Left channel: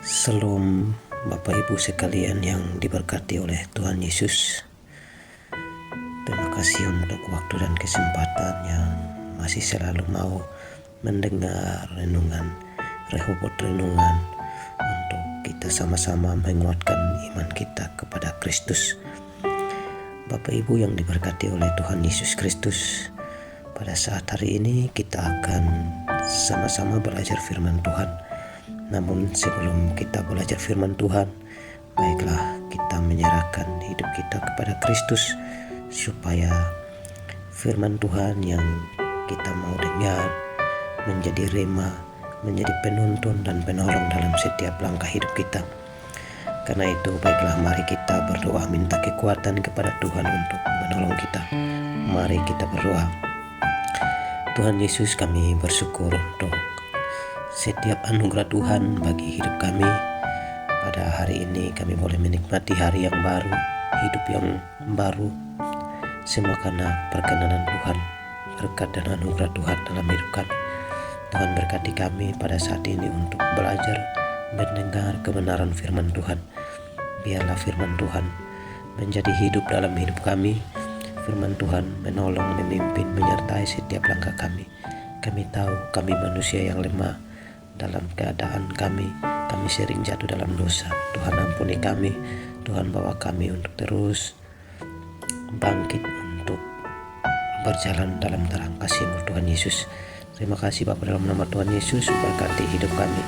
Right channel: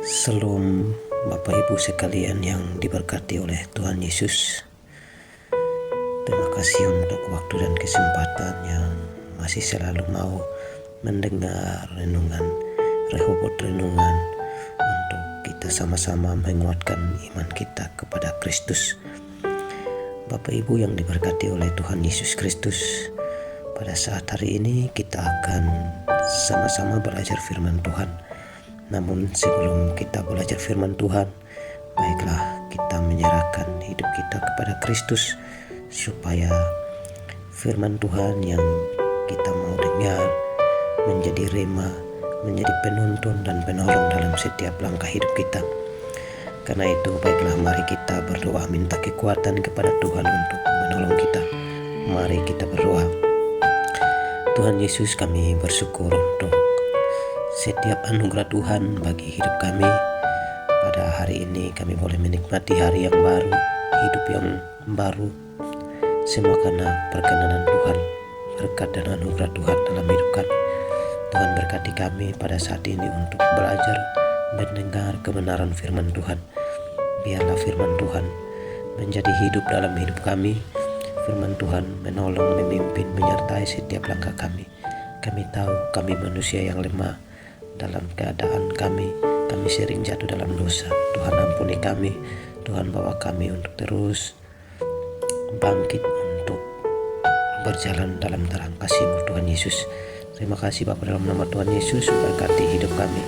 Shalom Bapak Ibu sekalian yang diberkati oleh Tuhan Yesus. Terima kasih untuk waktu dan kesempatan yang masih selalu mau mendengar renungan, Rehobot renungan, untuk kita sama-sama menguatkan iman kita kepada Kristus. Bapak Ibu yang diberkati oleh Tuhan Yesus Kristus, pada saat hari ini kita akan sama-sama belajar firman Tuhan. Namun sebelum kita belajar firman Tuhan, baiklah kita menyerahkan hidup kita kepada Kristus, supaya firman Tuhan yang kita mau dengar menjadi rema, menjadi penuntun dan penolong dalam setiap langkah hidup kita. Karena itu baiklah mari kita berdoa minta kekuatan kepada Tuhan untuk menolong kita. Mari kita berdoa. Tuhan Yesus, kami bersyukur untuk setiap anugerah Tuhan bagi hidup kami. Pada hari ini kami boleh menikmati hari yang baru, hidup yang baru, semua karena perkenanan Tuhan, berkat dan anugerah Tuhan dalam hidup kami. Tuhan berkati kami pada saat ini untuk belajar mendengar kebenaran firman Tuhan. Biarlah firman Tuhan menjadi hidup dalam hidup kami. Firman Tuhan menolong, memimpin, menyertai setiap langkah kami. Kami tahu kami manusia yang lemah. Dalam keadaan kami sering jatuh dalam dosa. Tuhan ampuni kami, Tuhan bawa kami untuk terus bangkit, untuk berjalan dalam terang kasih-Mu Tuhan Yesus. Terima kasih Bapa, dalam nama Tuhan Yesus berkati hidup kami.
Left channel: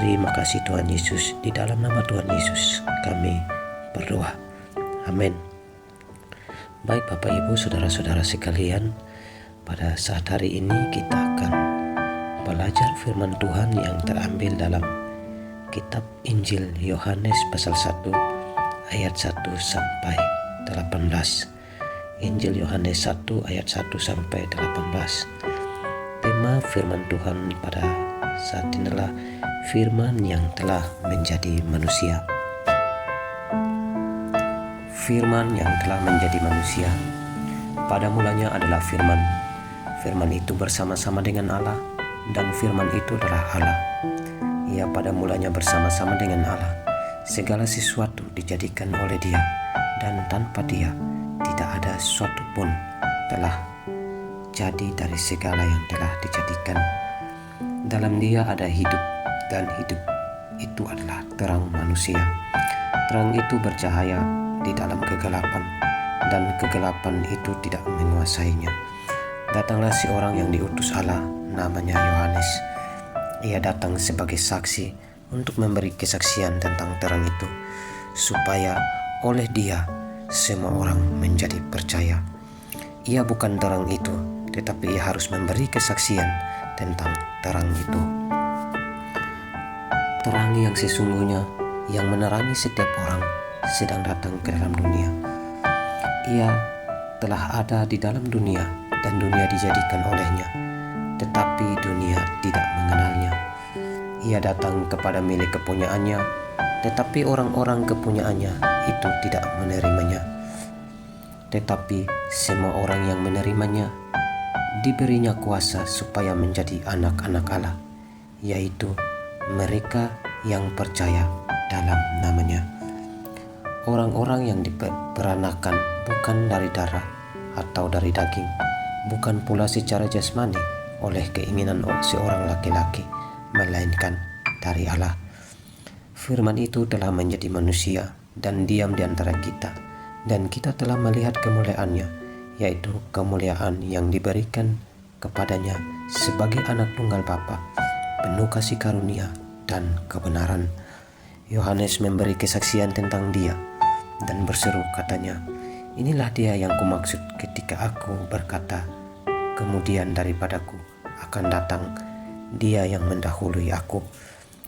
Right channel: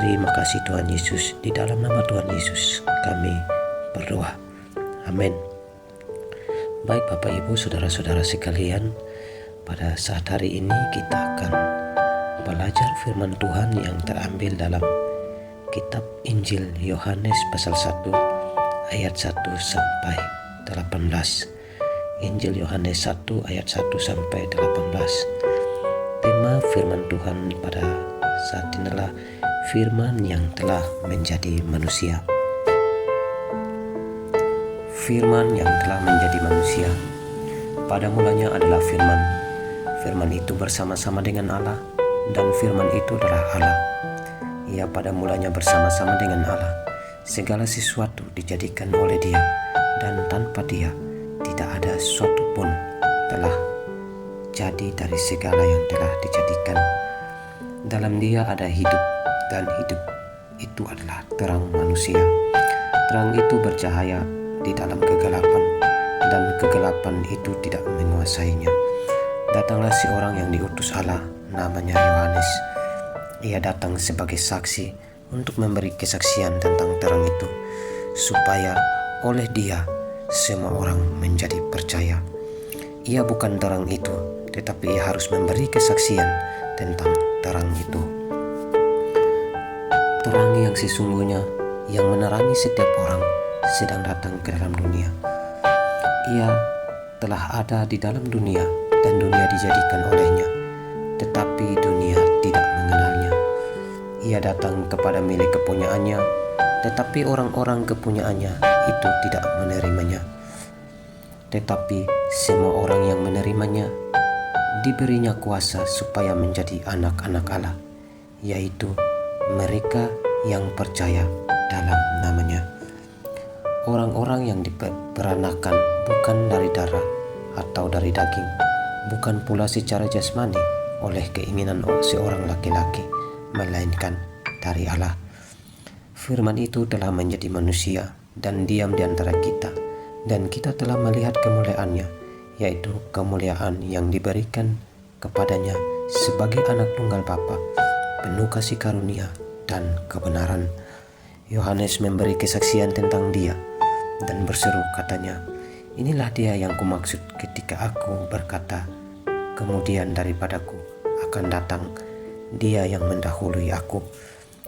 Terima kasih Tuhan Yesus, di dalam nama Tuhan Yesus kami berdoa. Amin. Baik Bapak Ibu saudara-saudara sekalian, pada saat hari ini kita akan belajar firman Tuhan yang terambil dalam kitab Injil Yohanes pasal 1 ayat 1 sampai 18. Injil Yohanes 1 ayat 1 sampai 18. Tema firman Tuhan pada saat ini adalah firman yang telah menjadi manusia. Firman yang telah menjadi manusia. Pada mulanya adalah firman. Firman itu bersama-sama dengan Allah, dan firman itu adalah Allah. Ia pada mulanya bersama-sama dengan Allah. Segala sesuatu dijadikan oleh Dia, dan tanpa Dia tidak ada sesuatu pun telah jadi dari segala yang telah dijadikan. Dalam Dia ada hidup, dan hidup itu adalah terang manusia. Terang itu bercahaya di dalam kegelapan, dan kegelapan itu tidak menguasainya. Datanglah seorang yang diutus Allah, namanya Yohanes. Ia datang sebagai saksi untuk memberi kesaksian tentang terang itu, supaya oleh Dia semua orang menjadi percaya. Ia bukan terang itu, tetapi ia harus memberi kesaksian tentang terang itu. Terang yang sesungguhnya, yang menerangi setiap orang, sedang datang ke dalam dunia. Ia telah ada di dalam dunia, dan dunia dijadikan olehnya, tetapi dunia tidak mengenalnya. Ia datang kepada milik kepunyaannya, tetapi orang-orang kepunyaannya itu tidak menerimanya. Tetapi semua orang yang menerimanya diberinya kuasa supaya menjadi anak-anak Allah, yaitu mereka yang percaya dalam namanya. Orang-orang yang diperanakan bukan dari darah atau dari daging, bukan pula secara jasmani oleh keinginan seorang laki-laki, melainkan dari Allah. Firman itu telah menjadi manusia dan diam di antara kita, dan kita telah melihat kemuliaannya, yaitu kemuliaan yang diberikan kepadanya sebagai anak tunggal Bapa, penuh kasih karunia dan kebenaran. Yohanes memberi kesaksian tentang Dia dan berseru katanya, "Inilah Dia yang kumaksud ketika aku berkata, kemudian daripadaku akan datang Dia yang mendahului aku,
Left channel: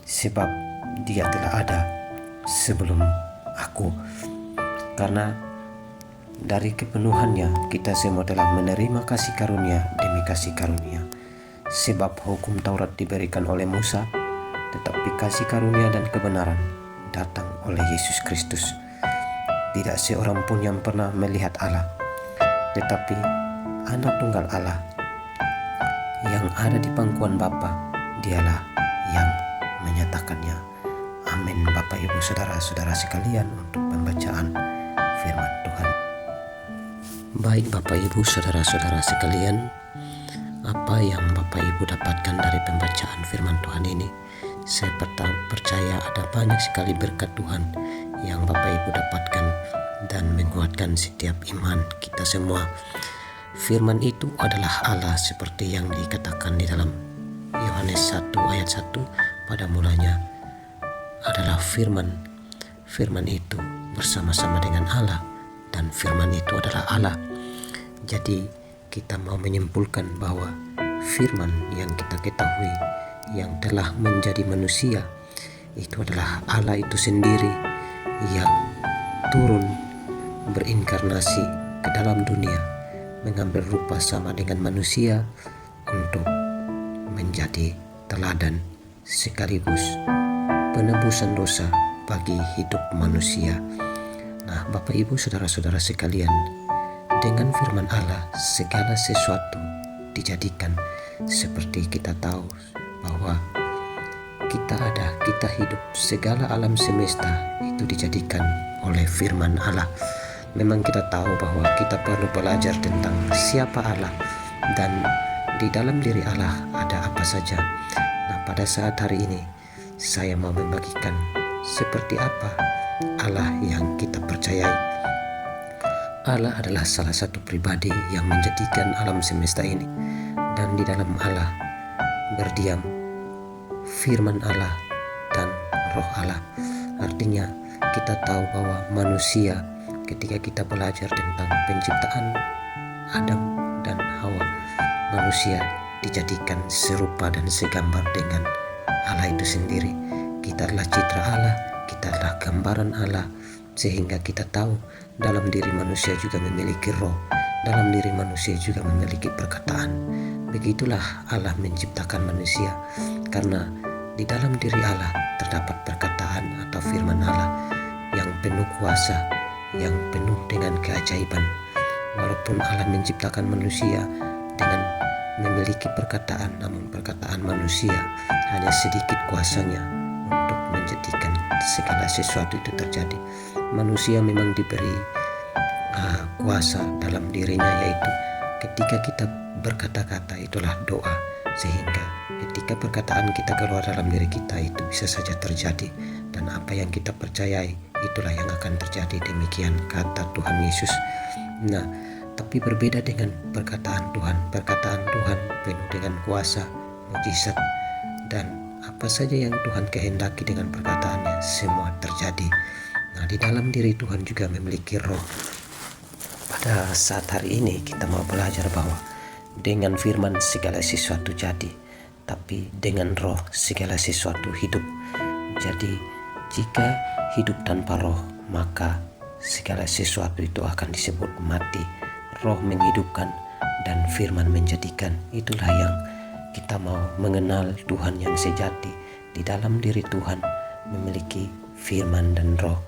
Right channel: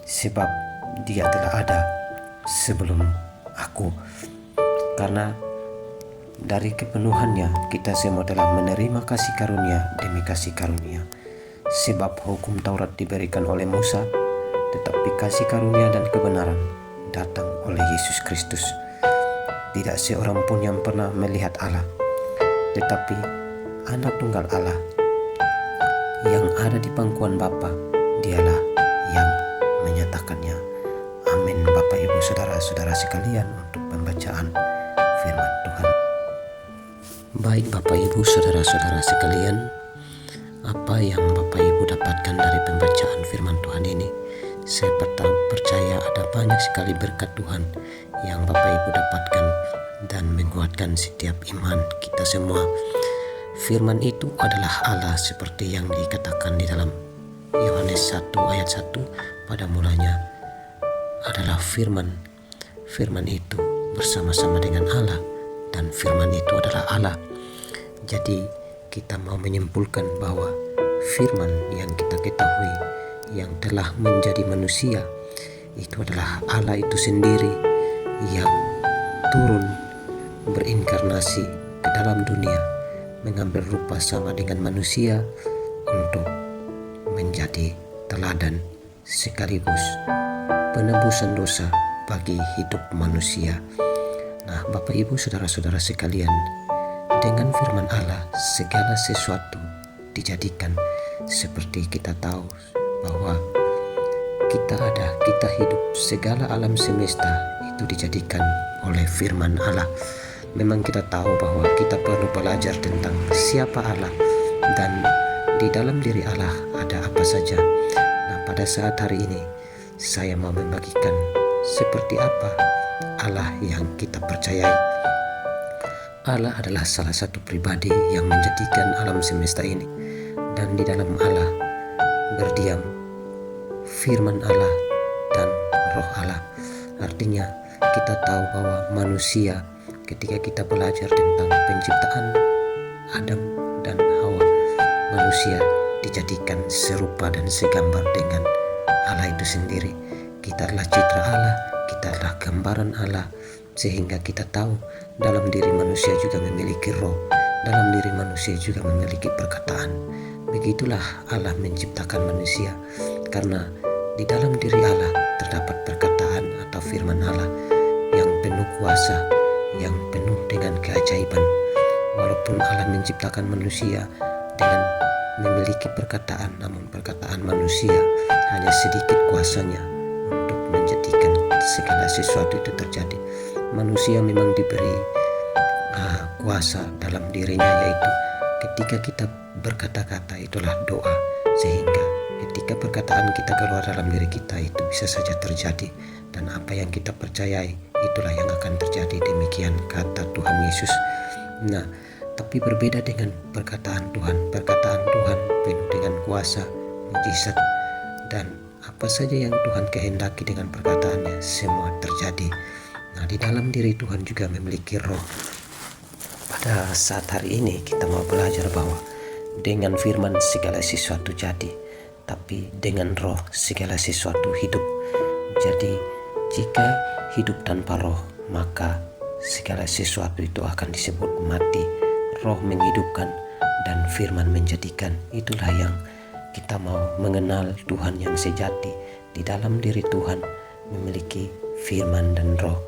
sebab Dia telah ada sebelum aku." Karena dari kepenuhannya kita semua telah menerima kasih karunia demi kasih karunia. Sebab hukum Taurat diberikan oleh Musa, tetapi kasih karunia dan kebenaran datang oleh Yesus Kristus. Tidak seorang pun yang pernah melihat Allah, tetapi anak tunggal Allah yang ada di pangkuan Bapa, Dialah yang menyatakannya. Amin. Bapak Ibu saudara-saudara sekalian, untuk pembacaan firman Tuhan. Baik Bapak Ibu saudara-saudara sekalian, apa yang Bapak Ibu dapatkan dari pembacaan firman Tuhan ini? Saya percaya ada banyak sekali berkat Tuhan yang Bapak Ibu dapatkan dan menguatkan setiap iman kita semua. Firman itu adalah Allah seperti yang dikatakan di dalam Yohanes 1 ayat 1, pada mulanya adalah firman. Firman itu bersama-sama dengan Allah dan firman itu adalah Allah. Jadi kita mau menyimpulkan bahwa firman yang kita ketahui yang telah menjadi manusia itu adalah Allah itu sendiri yang turun berinkarnasi ke dalam dunia, mengambil rupa sama dengan manusia untuk menjadi teladan sekaligus penebusan dosa bagi hidup manusia. Nah, Bapak Ibu saudara-saudara sekalian, dengan firman Allah segala sesuatu dijadikan. Seperti kita tahu bahwa kita hidup, segala alam semesta itu dijadikan oleh firman Allah. Memang kita tahu bahwa kita perlu belajar tentang siapa Allah dan di dalam diri Allah ada apa saja. Nah, pada saat hari ini saya mau membagikan seperti apa Allah yang kita percayai. Allah adalah salah satu pribadi yang menjadikan alam semesta ini, dan di dalam Allah berdiam firman Allah dan roh Allah. Artinya kita tahu bahwa manusia, ketika kita belajar tentang penciptaan Adam dan Hawa, manusia dijadikan serupa dan segambar dengan Allah itu sendiri. Kita adalah citra Allah, kita adalah gambaran Allah, sehingga kita tahu dalam diri manusia juga memiliki roh, dalam diri manusia juga memiliki perkataan. Begitulah Allah menciptakan manusia, karena di dalam diri Allah terdapat perkataan atau firman Allah yang penuh kuasa, yang penuh dengan keajaiban. Walaupun Allah menciptakan manusia dengan memiliki perkataan, namun perkataan manusia hanya sedikit kuasanya untuk menjadikan segala sesuatu itu terjadi. Manusia memang diberi kuasa dalam dirinya, yaitu ketika kita berkata-kata itulah doa, sehingga ketika perkataan kita keluar dalam diri kita itu bisa saja terjadi, dan apa yang kita percayai itulah yang akan terjadi. Demikian kata Tuhan Yesus. Nah, tapi berbeda dengan perkataan Tuhan. Perkataan Tuhan penuh dengan kuasa, mujizat, dan apa saja yang Tuhan kehendaki dengan perkataannya semua terjadi. Nah, di dalam diri Tuhan juga memiliki roh. Pada saat hari ini kita mau belajar bahwa dengan firman segala sesuatu jadi, tapi dengan roh segala sesuatu hidup. Jadi jika hidup tanpa roh, maka segala sesuatu itu akan disebut mati. Roh menghidupkan dan firman menjadikan. Itulah yang kita mau mengenal Tuhan yang sejati. Di dalam diri Tuhan memiliki firman dan roh,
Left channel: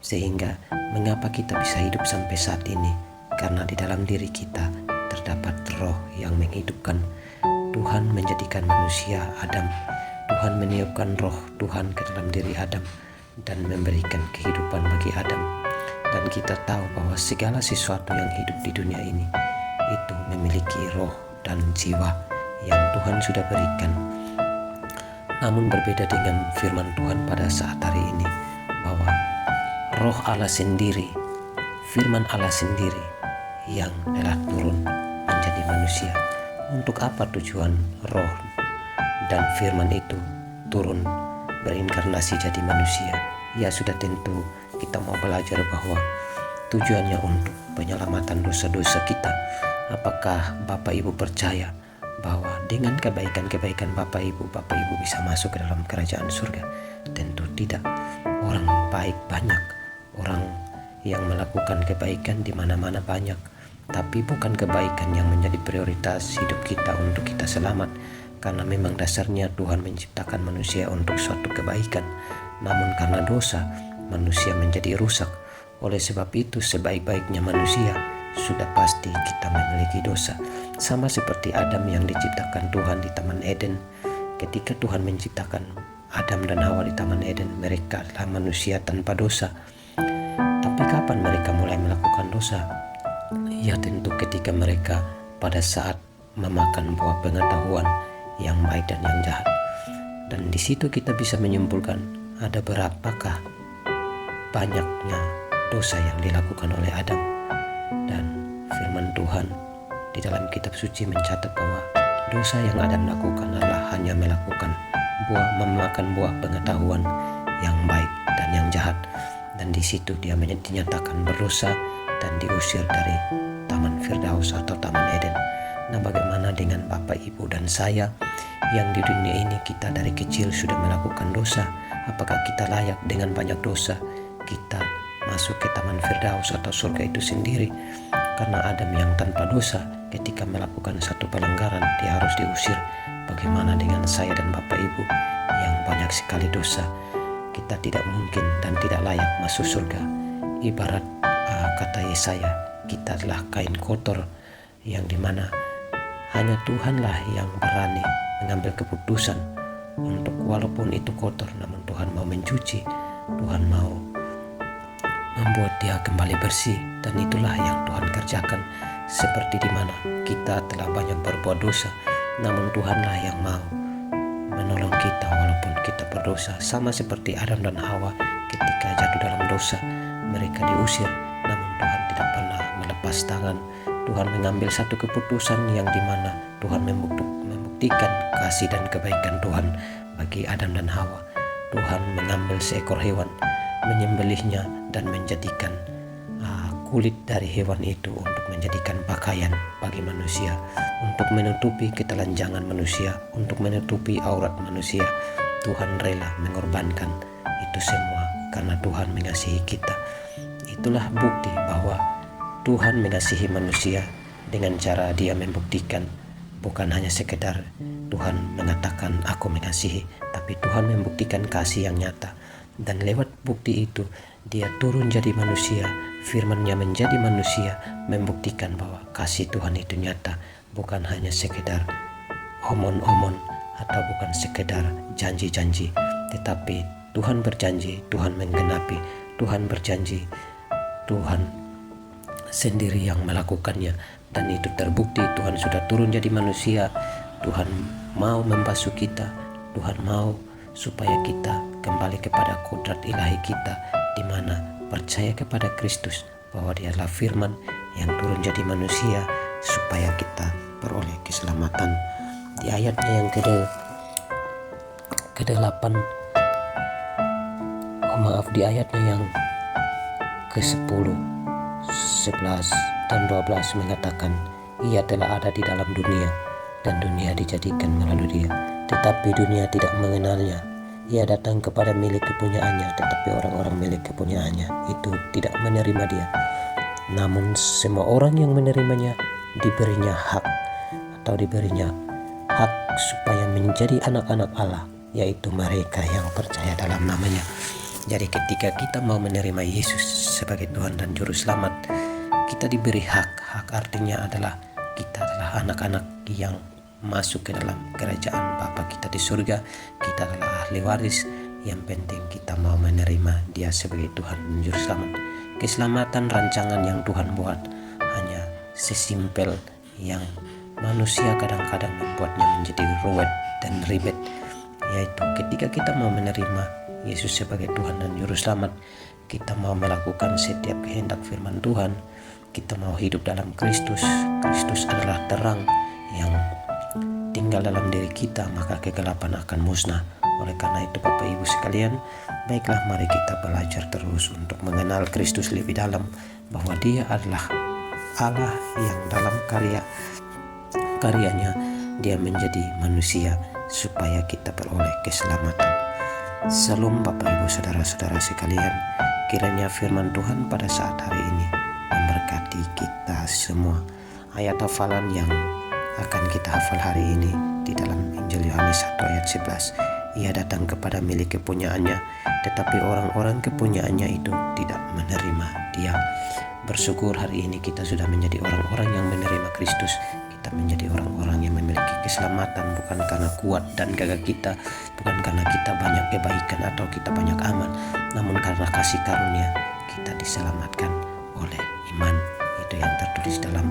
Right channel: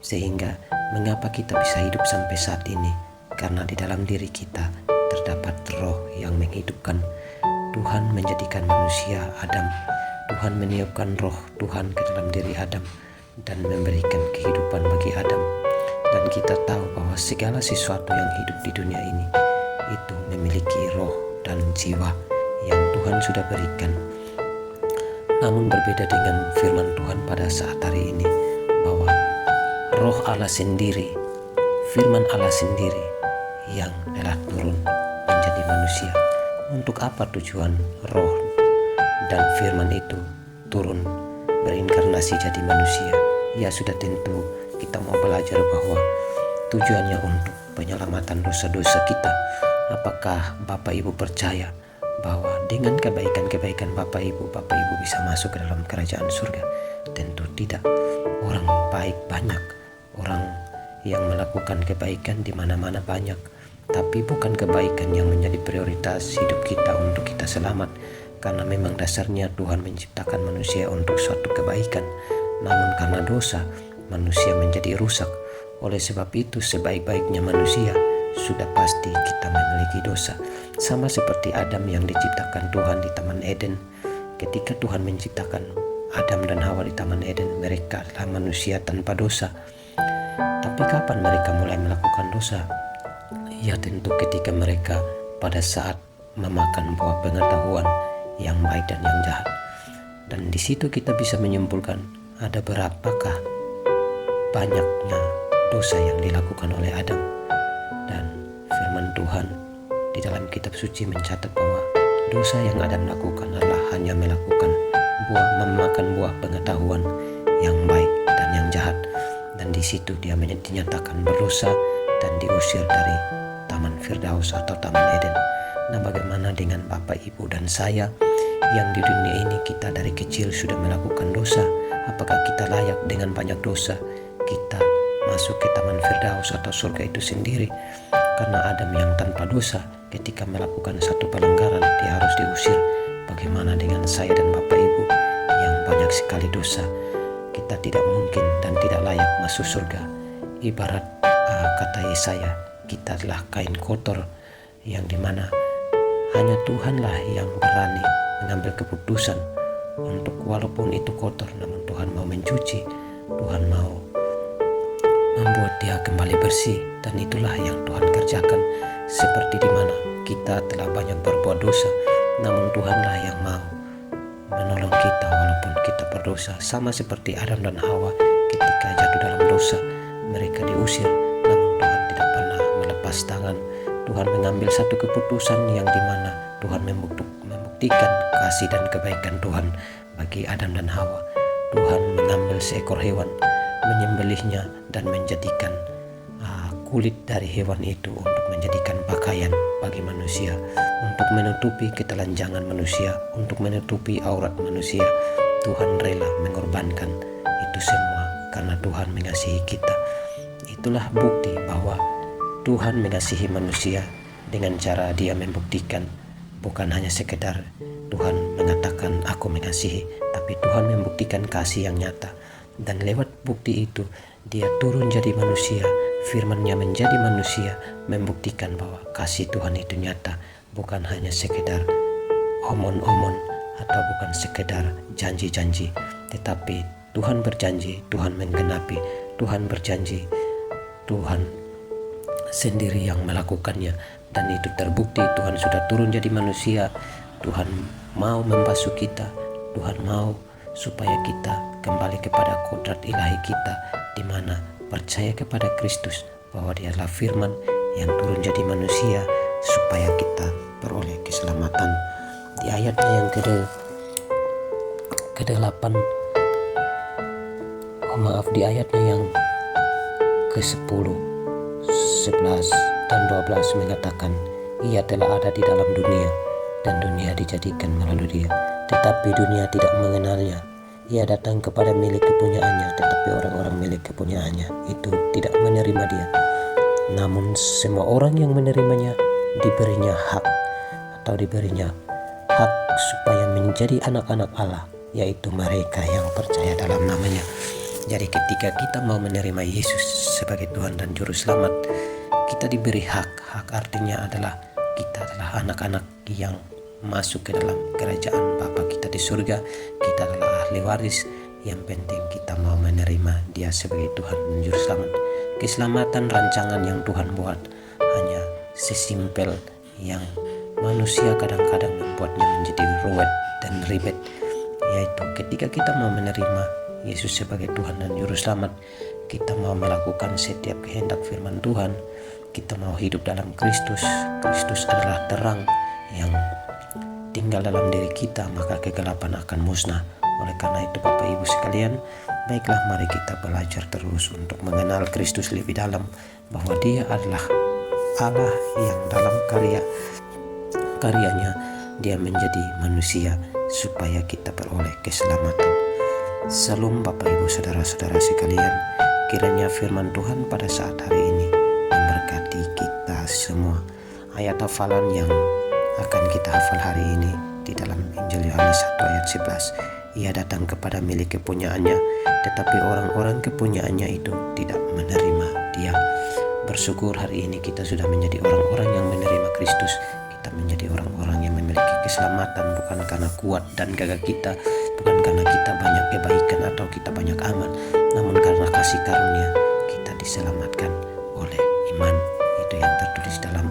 sehingga mengapa kita bisa hidup sampai saat ini? Karena di dalam diri kita terdapat roh yang menghidupkan. Tuhan menjadikan manusia Adam. Tuhan meniupkan roh Tuhan ke dalam diri Adam dan memberikan kehidupan bagi Adam. Dan kita tahu bahwa segala sesuatu yang hidup di dunia ini itu memiliki roh dan jiwa yang Tuhan sudah berikan. Namun berbeda dengan firman Tuhan pada saat hari ini, bahwa roh Allah sendiri, firman Allah sendiri yang telah turun menjadi manusia. Untuk apa tujuan roh dan firman itu turun berinkarnasi jadi manusia? Ya, sudah tentu kita mau belajar bahwa tujuannya untuk penyelamatan dosa-dosa kita. Apakah Bapak Ibu percaya bahwa dengan kebaikan-kebaikan Bapak Ibu bisa masuk ke dalam kerajaan surga? Tentu tidak. Orang baik banyak, orang yang melakukan kebaikan di mana-mana banyak, tapi bukan kebaikan yang menjadi prioritas hidup kita untuk kita selamat. Karena memang dasarnya Tuhan menciptakan manusia untuk suatu kebaikan, namun karena dosa manusia menjadi rusak. Oleh sebab itu sebaik-baiknya manusia sudah pasti kita memiliki dosa. Sama seperti Adam yang diciptakan Tuhan di Taman Eden. Ketika Tuhan menciptakan Adam dan Hawa di Taman Eden, mereka adalah manusia tanpa dosa. Tapi kapan mereka mulai melakukan dosa? Ya tentu ketika mereka pada saat memakan buah pengetahuan yang baik dan yang jahat. Dan di situ kita bisa menyimpulkan ada berapakah banyaknya dosa yang dilakukan oleh Adam. Dan firman Tuhan di dalam kitab suci mencatat bahwa dosa yang Adam lakukan adalah hanya memakan buah pengetahuan yang baik dan yang jahat. Dan di situ dia dinyatakan berdosa dan diusir dari Taman Firdaus atau Taman Eden. Nah, bagaimana dengan Bapak, Ibu, dan saya yang di dunia ini kita dari kecil sudah melakukan dosa? Apakah kita layak dengan banyak dosa kita masuk ke Taman Firdaus atau surga itu sendiri? Karena Adam yang tanpa dosa ketika melakukan satu pelanggaran dia harus diusir. Bagaimana dengan saya dan Bapak, Ibu yang banyak sekali dosa? Kita tidak mungkin dan tidak layak masuk surga. Ibarat kata Yesaya, kita adalah kain kotor yang dimana hanya Tuhanlah yang berani mengambil keputusan untuk walaupun itu kotor, namun Tuhan mau mencuci, Tuhan mau membuat dia kembali bersih. Dan itulah yang Tuhan kerjakan. Seperti dimana kita telah banyak berbuat dosa, namun Tuhanlah yang mau menolong kita walaupun kita berdosa. Sama seperti Adam dan Hawa ketika jatuh dalam dosa, mereka diusir, namun Tuhan tidak pernah melepas tangan. Tuhan mengambil satu keputusan yang dimana Tuhan membuktikan kasih dan kebaikan Tuhan bagi Adam dan Hawa. Tuhan mengambil seekor hewan, menyembelihnya dan menjadikan kulit dari hewan itu untuk menjadikan pakaian bagi manusia, untuk menutupi ketelanjangan manusia, untuk menutupi aurat manusia. Tuhan rela mengorbankan itu semua karena Tuhan mengasihi kita. Itulah bukti bahwa Tuhan mengasihi manusia dengan cara dia membuktikan, bukan hanya sekedar Tuhan mengatakan aku mengasihi, tapi Tuhan membuktikan kasih yang nyata. Dan lewat bukti itu dia turun jadi manusia, firman-Nya menjadi manusia, membuktikan bahwa kasih Tuhan itu nyata, bukan hanya sekedar omon-omon atau bukan sekedar janji-janji, tetapi Tuhan berjanji, Tuhan menggenapi, Tuhan berjanji, Tuhan sendiri yang melakukannya. Dan itu terbukti Tuhan sudah turun jadi manusia. Tuhan mau membasuh kita, Tuhan mau supaya kita kembali kepada kodrat ilahi kita, di mana percaya kepada Kristus bahwa Dia adalah firman yang turun jadi manusia supaya kita beroleh keselamatan. Di ayatnya yang ke-8, di ayatnya yang ke-10, 11 dan 12 mengatakan, Ia telah ada di dalam dunia dan dunia dijadikan melalui Dia, tetapi dunia tidak mengenalnya. Ia datang kepada milik kepunyaannya, tetapi orang-orang milik kepunyaannya itu tidak menerima Dia. Namun semua orang yang menerimanya diberinya hak supaya menjadi anak-anak Allah, yaitu mereka yang percaya dalam namanya. Jadi ketika kita mau menerima Yesus sebagai Tuhan dan Juru Selamat, kita diberi hak. Hak artinya adalah kita adalah anak-anak yang masuk ke dalam kerajaan Bapa kita di surga. Kita adalah ahli waris. Yang penting kita mau menerima Dia sebagai Tuhan dan Juru Selamat. Keselamatan rancangan yang Tuhan buat hanya sesimpel yang manusia kadang-kadang membuatnya menjadi ruwet dan ribet, yaitu ketika kita mau menerima Yesus sebagai Tuhan dan Juru Selamat, kita mau melakukan setiap kehendak firman Tuhan, kita mau hidup dalam Kristus. Kristus adalah terang yang tinggal dalam diri kita, maka kegelapan akan musnah. Oleh karena itu Bapak Ibu sekalian, baiklah mari kita belajar terus untuk mengenal Kristus lebih dalam, bahwa Dia adalah Allah yang dalam karyanya Dia menjadi manusia supaya kita beroleh keselamatan. Salam Bapak Ibu saudara-saudara sekalian, kiranya firman Tuhan pada saat hari ini memberkati kita semua. Ayat hafalan yang akan kita hafal hari ini di dalam Injil Yohanes 1 ayat 11. Ia datang kepada milik kepunyaannya, tetapi orang-orang kepunyaannya itu tidak menerima Dia. Bersyukur hari ini kita sudah menjadi orang-orang yang menerima Kristus. Kita menjadi orang-orang yang memiliki keselamatan bukan karena kuat dan gagah kita, bukan karena kita banyak kebaikan atau kita banyak amal, namun karena kasih karunia kita diselamatkan oleh iman. Itu yang tertulis dalam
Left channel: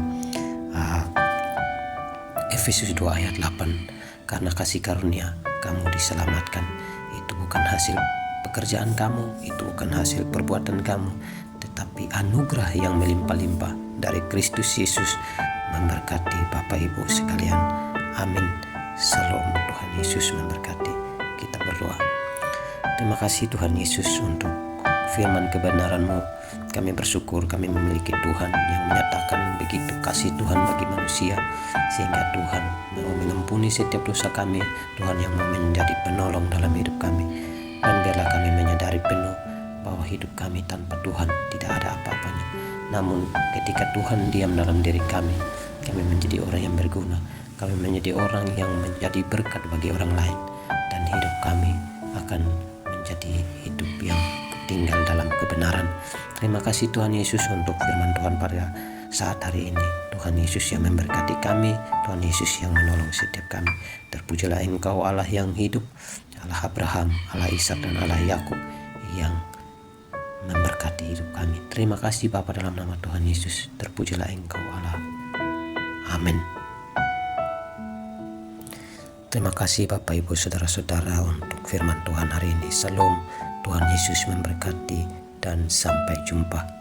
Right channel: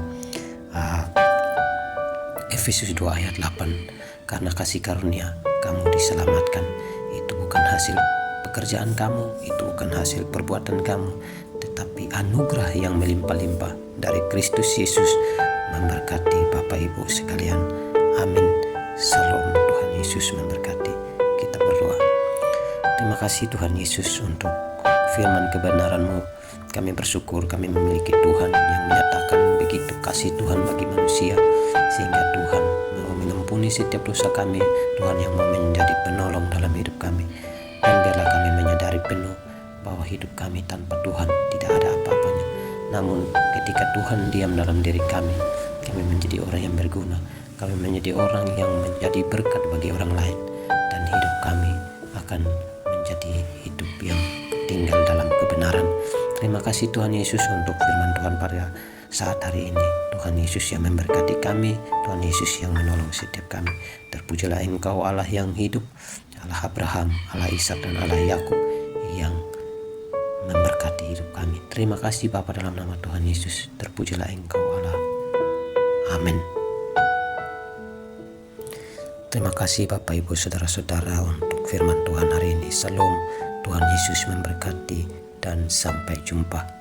Efesus 2 ayat 8. Karena kasih karunia kamu diselamatkan. Itu bukan hasil pekerjaan kamu, itu bukan hasil perbuatan kamu, tetapi anugerah yang melimpah-limpah dari Kristus Yesus memberkati Bapak Ibu sekalian. Amin. Salam. Tuhan Yesus memberkati. Kita berdoa. Terima kasih Tuhan Yesus untuk firman kebenaran-Mu. Kami bersyukur kami memiliki Tuhan yang menyatakan begitu kasih Tuhan bagi manusia, sehingga Tuhan mau mengampuni setiap dosa kami, Tuhan yang mau menjadi penolong dalam hidup kami. Dan biarlah kami menyadari penuh bahwa hidup kami tanpa Tuhan tidak ada apa-apanya. Namun ketika Tuhan diam dalam diri kami menjadi orang yang berguna, kami menjadi orang yang menjadi berkat bagi orang lain, dan hidup kami akan menjadi hidup yang tinggal dalam kebenaran. Terima kasih Tuhan Yesus untuk firman Tuhan pada saat hari ini. Tuhan Yesus yang memberkati kami, Tuhan Yesus yang menolong setiap kami. Terpujilah Engkau Allah yang hidup, Allah Abraham, Allah Ishak dan Allah Yakub yang memberkati hidup kami. Terima kasih Bapa dalam nama Tuhan Yesus. Terpujilah Engkau Allah. Amin. Terima kasih Bapak Ibu Saudara-saudara untuk firman Tuhan hari ini. Salam. Tuhan Yesus memberkati dan sampai jumpa.